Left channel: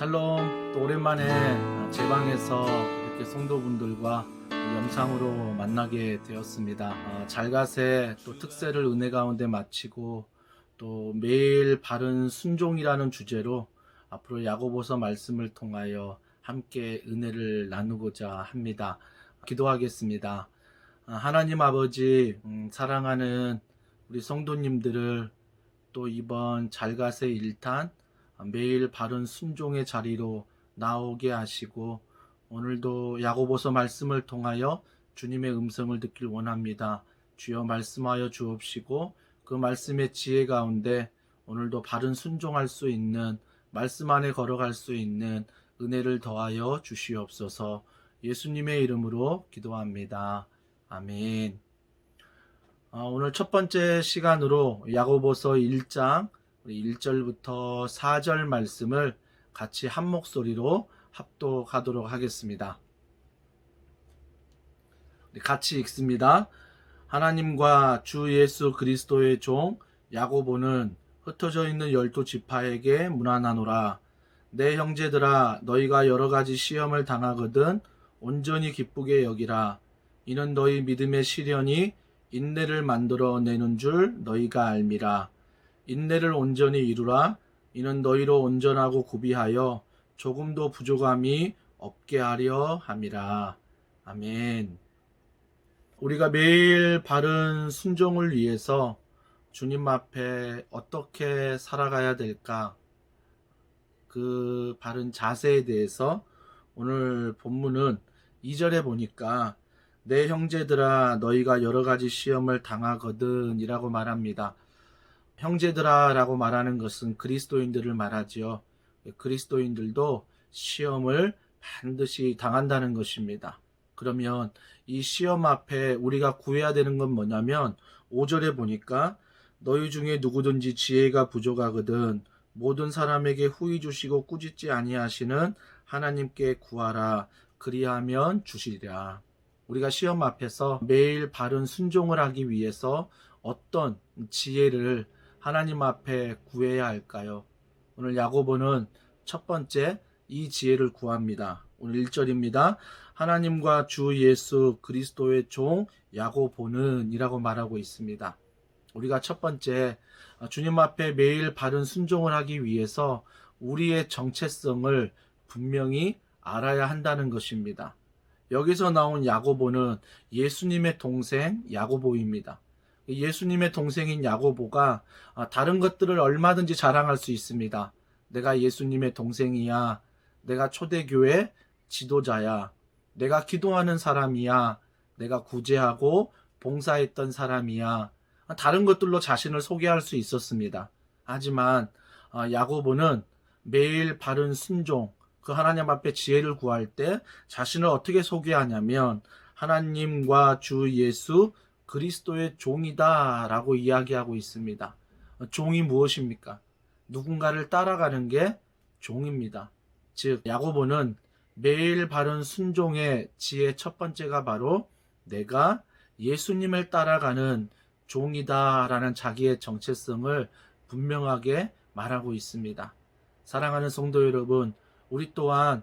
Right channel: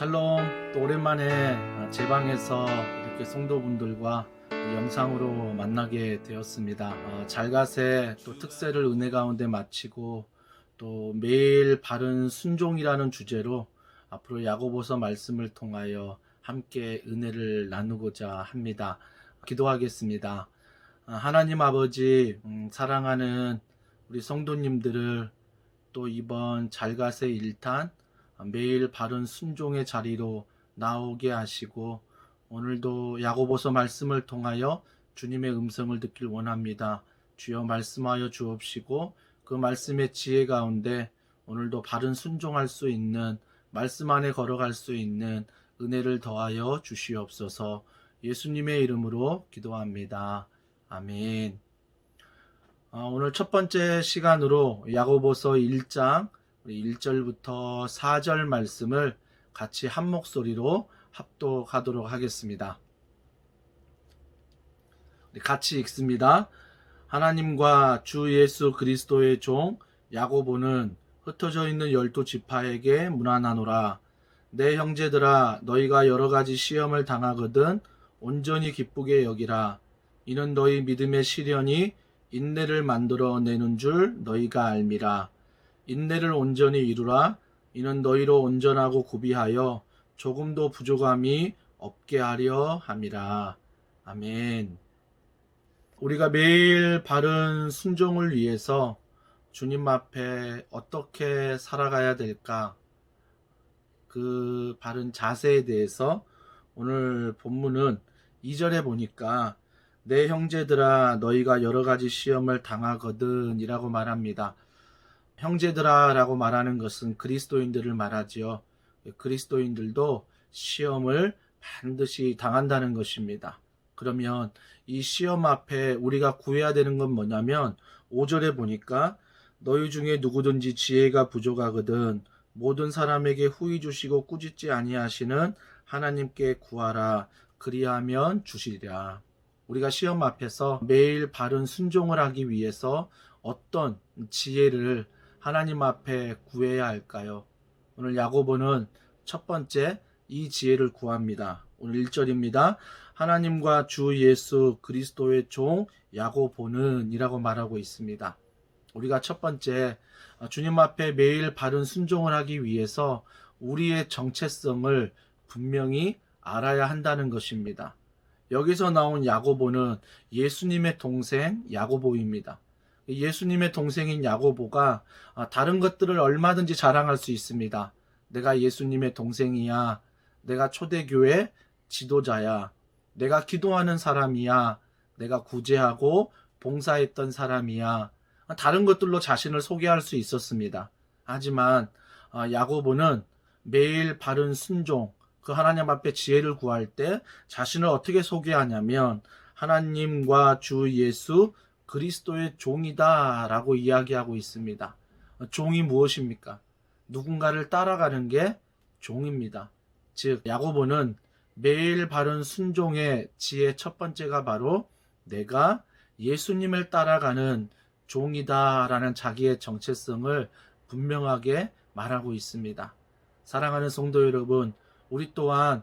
샬롬. 또 오랜만에 제 방에서 이렇게 성도분들과 영상으로 만나게 되었습니다. 잘갓의 또 특세를 은혜 가운데 마치고 또 매일 바른 순종이라는 주제로 앞으로 야고보서 말씀을 통하여 함께 은혜를 나누고자 합니다. 기도하겠습니다. 하나님 아버지, 사랑하는 우리 성도님들을 또 이번 잘갓의 일탄 매일 바른 순종의 자리로 나오게 하시고 오늘도 야고보서 말씀을 통하여 주님의 음성을 듣길 원합니다. 주여 말씀하여 주옵시고 그 말씀의 지혜 가운데 오늘도 바른 순종할 수 있는, 말씀 안에 걸어갈 수 있는 은혜를 더하여 주시옵소서. 예수님의 이름으로 기도합니다. 아멘. 오늘 첫 번째 시간으로 야고보서 1장 1절부터 4절 말씀을 같이 한 목소리로 합독하도록 하겠습니다. 같이 읽습니다. 하나님과 주 예수 그리스도의 종 야고보는 흩어져 있는 12지파에게 문안하노라. 내 형제들아, 너희가 여러 가지 시험을 당하거든 온전히 기쁘게 여기라. 이는 너희 믿음의 시련이 인내를 만들어 내는 줄 너희가 알미라. 인내를 온전히 이루라. 이는 너희로 온전하고 구비하여 조금도 부족함이 없게 하려 함이라. 아멘. 우리가 매일 바른 순종을 위해서 주님 앞에 어떻게 살아가야 될까? 그 바른 자세에 대해서 오늘 본문은 2절에 보니까 내 형제들아, 너희가 여러 가지 시험을 당하거든 이라고 말합니다. 형제들아 라고 말하는 것은 그리스도인들을 말하지요. 그리스도인들도 시험을 반드시 당한다는 것입니다. 그러면 이 시험 앞에 우리가 구해야 되는 건 뭐냐면 5절에 보니까 너희 중에 누구든지 지혜가 부족하거든 모든 사람에게 후히 주시고 꾸짖지 아니하시는 하나님께 구하라. 그리하면 주시리라. 우리가 시험 앞에서 매일 바른 순종을 하기 위해서 어떤 지혜를 하나님 앞에 구해야 할까요? 오늘 야고보는 첫 번째 이 지혜를 구합니다. 오늘 1절입니다. 하나님과 주 예수 그리스도의 종 야고보는 이라고 말하고 있습니다. 우리가 첫 번째 주님 앞에 매일 바른 순종을 하기 위해서 우리의 정체성을 분명히 알아야 한다는 것입니다. 여기서 나온 야고보는 예수님의 동생 야고보입니다. 예수님의 동생인 야고보가 다른 것들을 얼마든지 자랑할 수 있습니다. 내가 예수님의 동생이야. 내가 초대교회 지도자야. 내가 기도하는 사람이야. 내가 구제하고 봉사했던 사람이야. 다른 것들로 자신을 소개할 수 있었습니다. 하지만 야고보는 매일 바른 순종, 그 하나님 앞에 지혜를 구할 때 자신을 어떻게 소개하냐면 하나님과 주 예수 그리스도의 종이다 라고 이야기하고 있습니다. 종이 무엇입니까? 누군가를 따라가는 게 종입니다. 즉 야고보는 매일 바른 순종의 지혜 첫 번째가 바로 내가 예수님을 따라가는 종이다 라는 자기의 정체성을 분명하게 말하고 있습니다. 사랑하는 성도 여러분, 우리 또한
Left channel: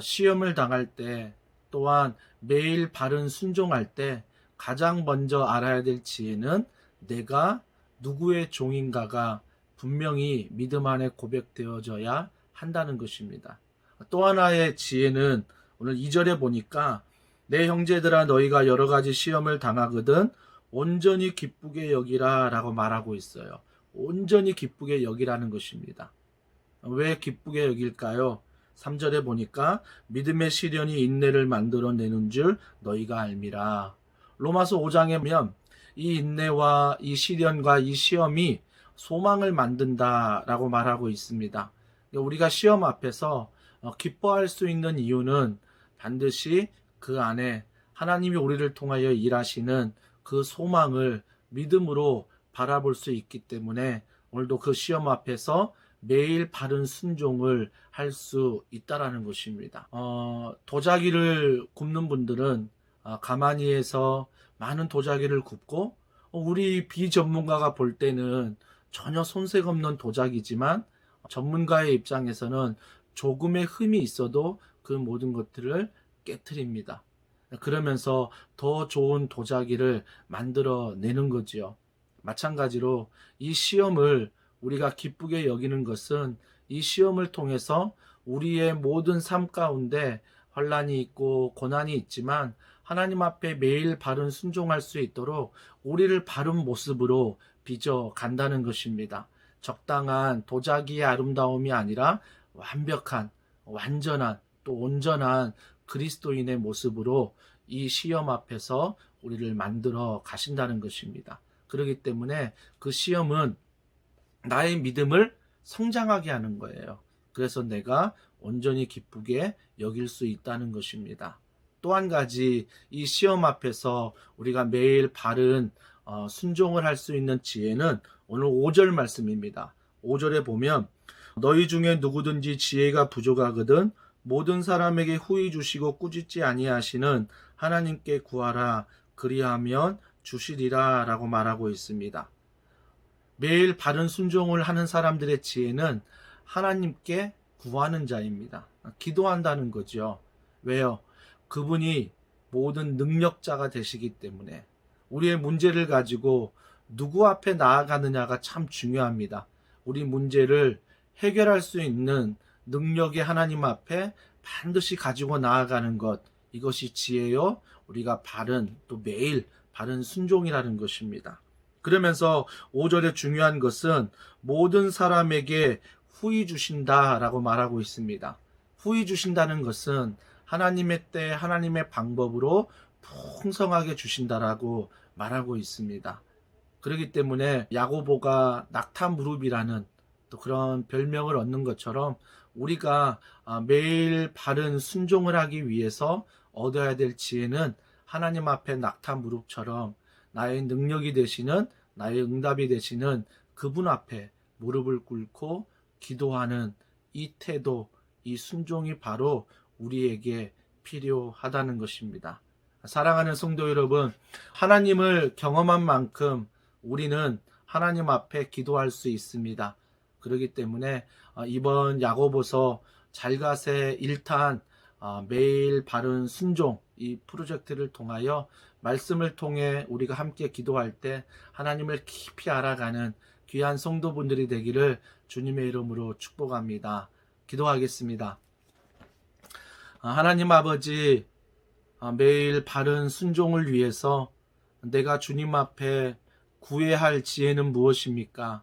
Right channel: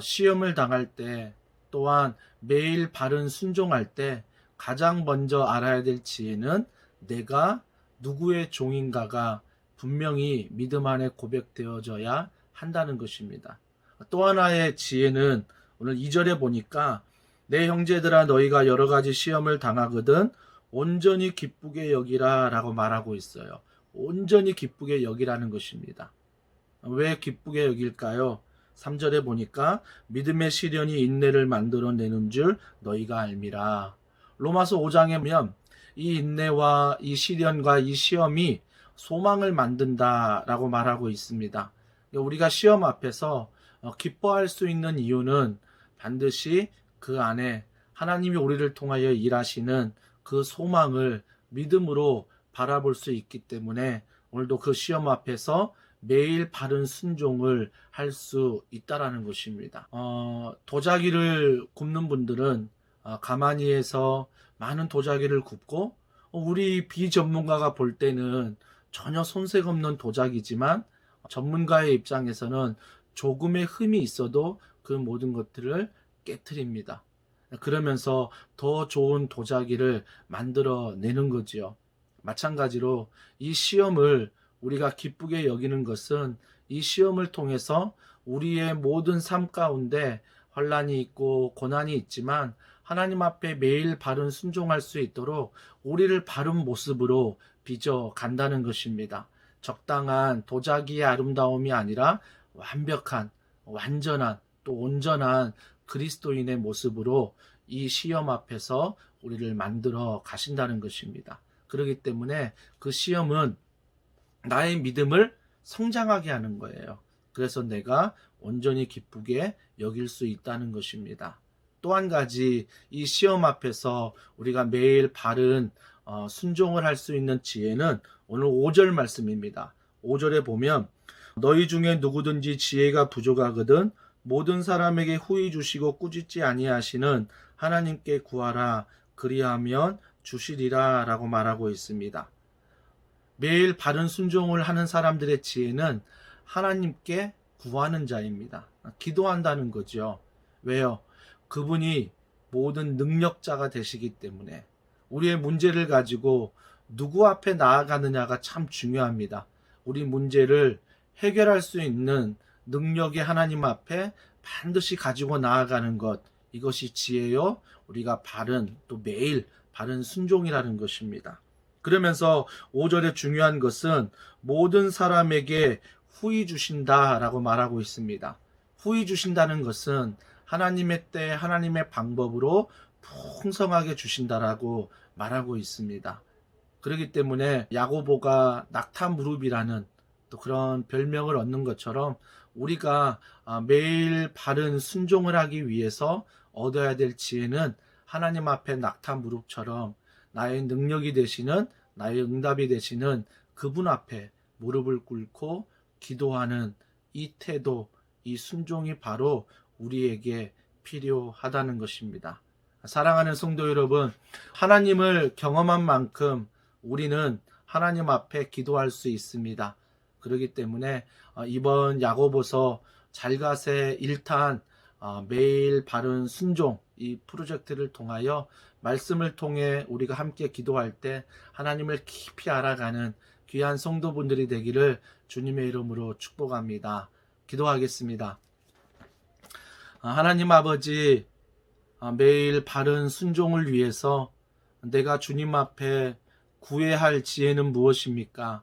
시험을 당할 때, 또한 매일 바른 순종할 때 가장 먼저 알아야 될 지혜는 내가 누구의 종인가가 분명히 믿음 안에 고백되어져야 한다는 것입니다. 또 하나의 지혜는 오늘 2절에 보니까 내 형제들아, 너희가 여러 가지 시험을 당하거든 온전히 기쁘게 여기라 라고 말하고 있어요. 온전히 기쁘게 여기라는 것입니다. 왜 기쁘게 여길까요? 3절에 보니까 믿음의 시련이 인내를 만들어내는 줄 너희가 알미라. 로마서 5장에 보면 이 인내와 이 시련과 이 시험이 소망을 만든다라고 말하고 있습니다. 우리가 시험 앞에서 기뻐할 수 있는 이유는 반드시 그 안에 하나님이 우리를 통하여 일하시는 그 소망을 믿음으로 바라볼 수 있기 때문에 오늘도 그 시험 앞에서 매일 바른 순종을 할 수 있다라는 것입니다. 도자기를 굽는 분들은 가만히 해서 많은 도자기를 굽고 우리 비전문가가 볼 때는 전혀 손색 없는 도자기지만 전문가의 입장에서는 조금의 흠이 있어도 그 모든 것들을 깨트립니다. 그러면서 더 좋은 도자기를 만들어내는 거지요. 마찬가지로 이 시험을 우리가 기쁘게 여기는 것은 이 시험을 통해서 우리의 모든 삶 가운데 환난이 있고 고난이 있지만 하나님 앞에 매일 바른 순종할 수 있도록 우리를 바른 모습으로 빚어 간다는 것입니다. 적당한 도자기의 아름다움이 아니라 완벽한, 완전한, 또 온전한 그리스도인의 모습으로 이 시험 앞에서 우리를 만들어 가신다는 것입니다. 그렇기 때문에 그 시험은 나의 믿음을 성장하게 하는 거예요. 그래서 내가 온전히 기쁘게 여길 수 있다는 것입니다. 또 한 가지, 이 시험 앞에서 우리가 매일 바른 순종을 할 수 있는 지혜는 오늘 5절 말씀입니다. 5절에 보면 너희 중에 누구든지 지혜가 부족하거든 모든 사람에게 후히 주시고 꾸짖지 아니하시는 하나님께 구하라 그리하면 주시리라 라고 말하고 있습니다. 매일 바른 순종을 하는 사람들의 지혜는 하나님께 구하는 자입니다. 기도한다는 거죠. 왜요? 그분이 모든 능력자가 되시기 때문에 우리의 문제를 가지고 누구 앞에 나아가느냐가 참 중요합니다. 우리 문제를 해결할 수 있는 능력의 하나님 앞에 반드시 가지고 나아가는 것, 이것이 지혜요. 우리가 바른, 또 매일 바른 순종이라는 것입니다. 그러면서 5절에 중요한 것은 모든 사람에게 후히 주신다라고 말하고 있습니다. 후히 주신다는 것은 하나님의 때 하나님의 방법으로 풍성하게 주신다라고 말하고 있습니다. 그렇기 때문에 야고보가 낙타 무릎이라는 또 그런 별명을 얻는 것처럼 우리가 매일 바른 순종을 하기 위해서 얻어야 될 지혜는 하나님 앞에 낙타 무릎처럼 나의 능력이 되시는, 나의 응답이 되시는 그분 앞에 무릎을 꿇고 기도하는 이 태도, 이 순종이 바로 우리에게 필요하다는 것입니다. 사랑하는 성도 여러분, 하나님을 경험한 만큼 우리는 하나님 앞에 기도할 수 있습니다. 그렇기 때문에 이번 야고보서 잘가세 1탄 매일 바른 순종 이 프로젝트를 통하여 말씀을 통해 우리가 함께 기도할 때 하나님을 깊이 알아가는 귀한 성도분들이 되기를 주님의 이름으로 축복합니다. 기도하겠습니다. 하나님 아버지, 매일 바른 순종을 위해서 내가 주님 앞에 구해야 할 지혜는 무엇입니까?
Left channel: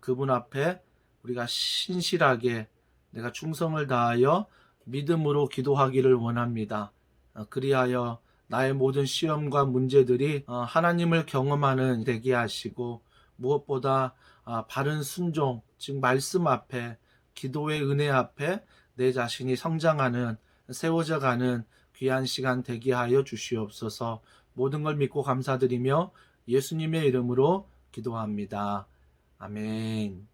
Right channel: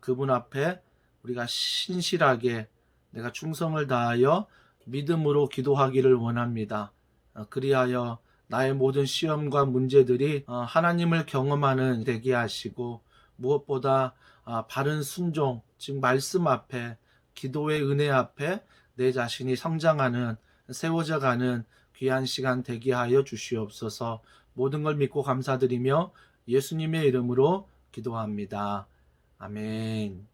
그분 앞에 우리가 신실하게 내가 충성을 다하여 믿음으로 기도하기를 원합니다. 그리하여 나의 모든 시험과 문제들이 하나님을 경험하는 되게 하시고 무엇보다 바른 순종, 즉 말씀 앞에 기도의 은혜 앞에 내 자신이 성장하는 세워져 가는 귀한 시간 되게 하여 주시옵소서. 모든 걸 믿고 감사드리며 예수님의 이름으로 기도합니다. 아멘.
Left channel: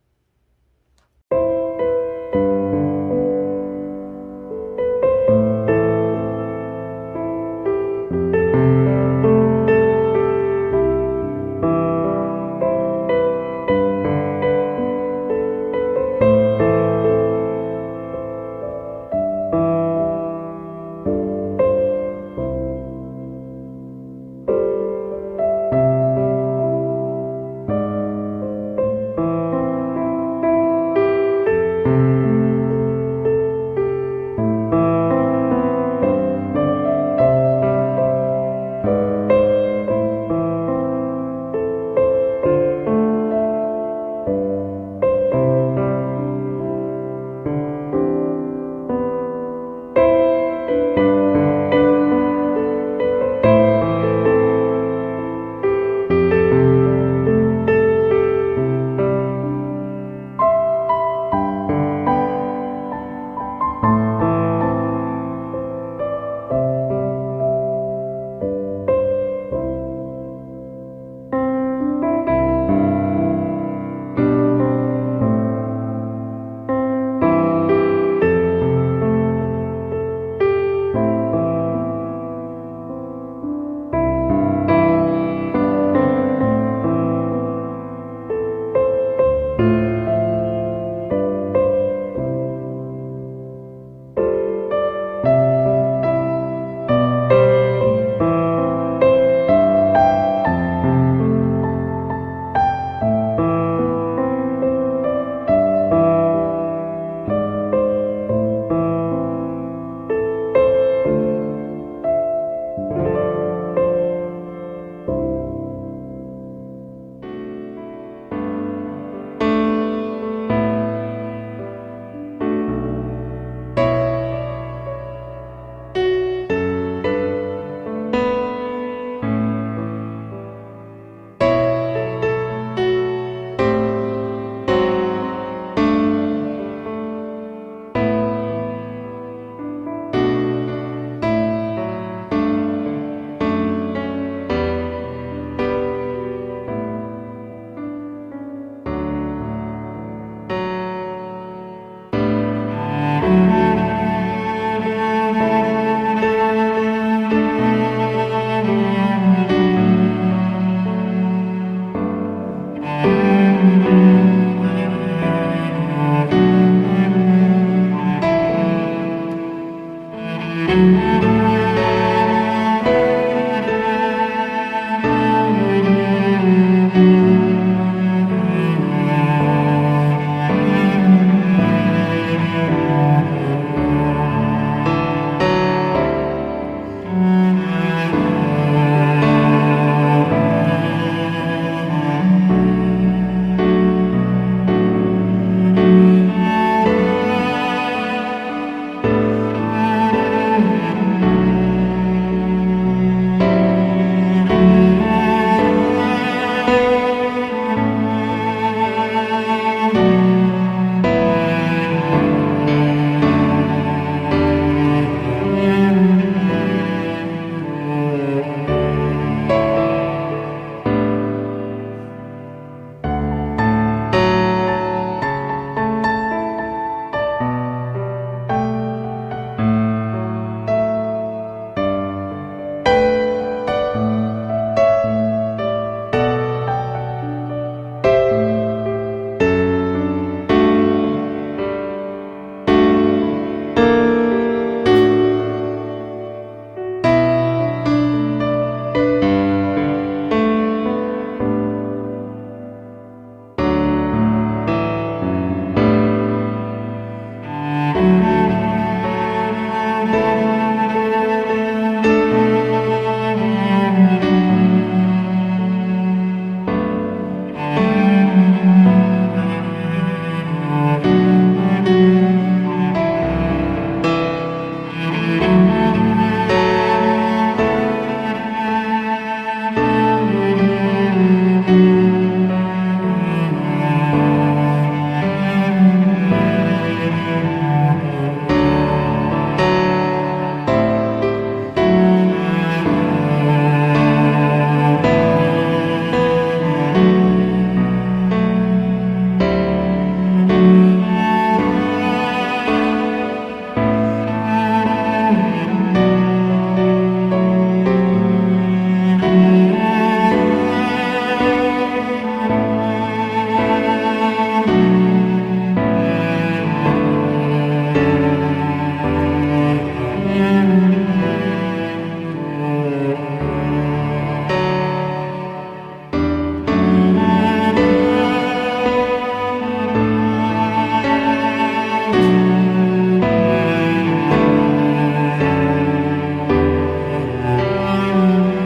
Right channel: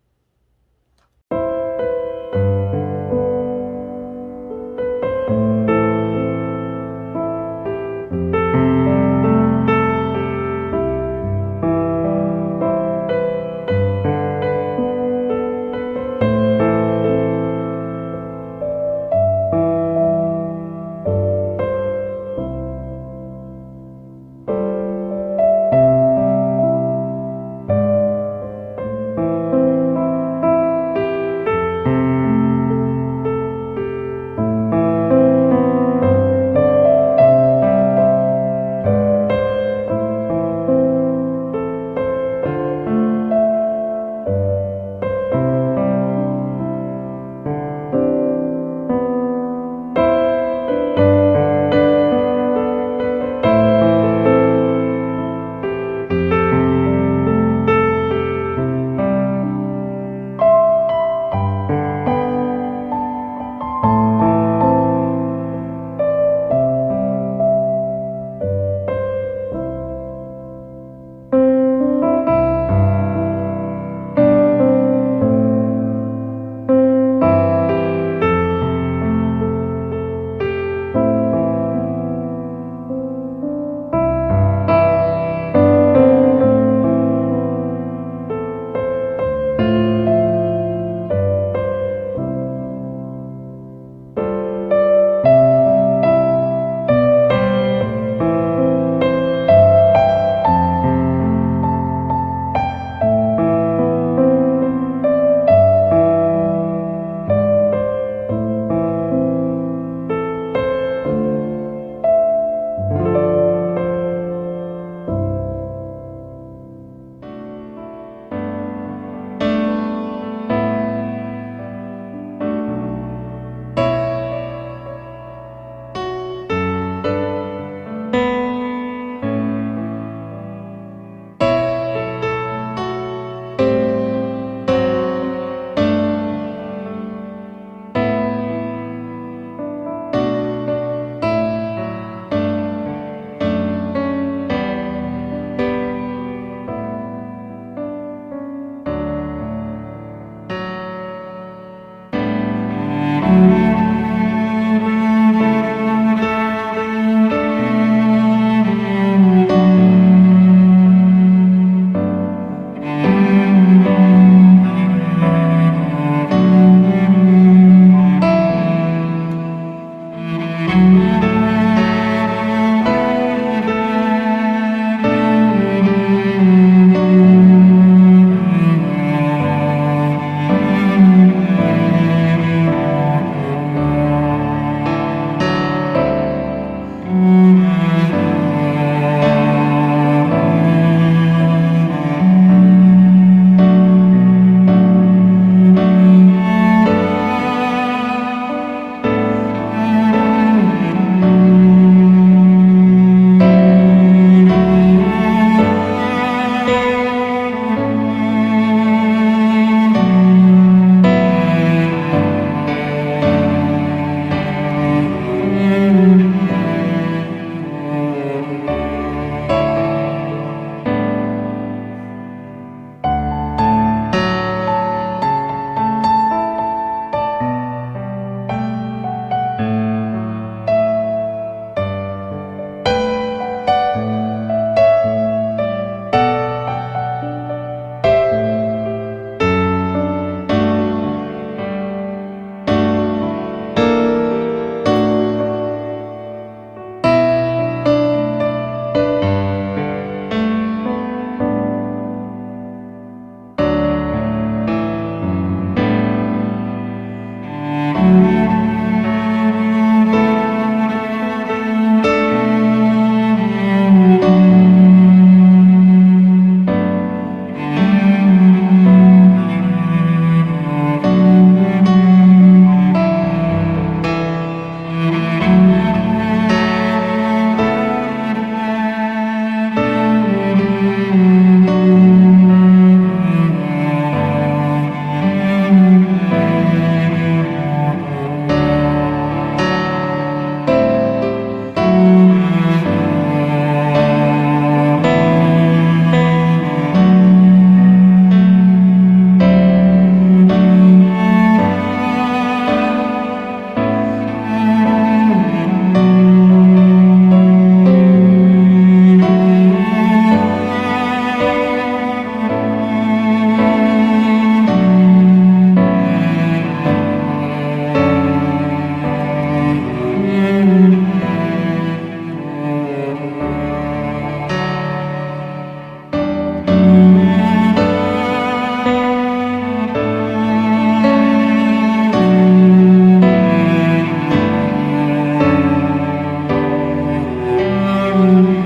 네.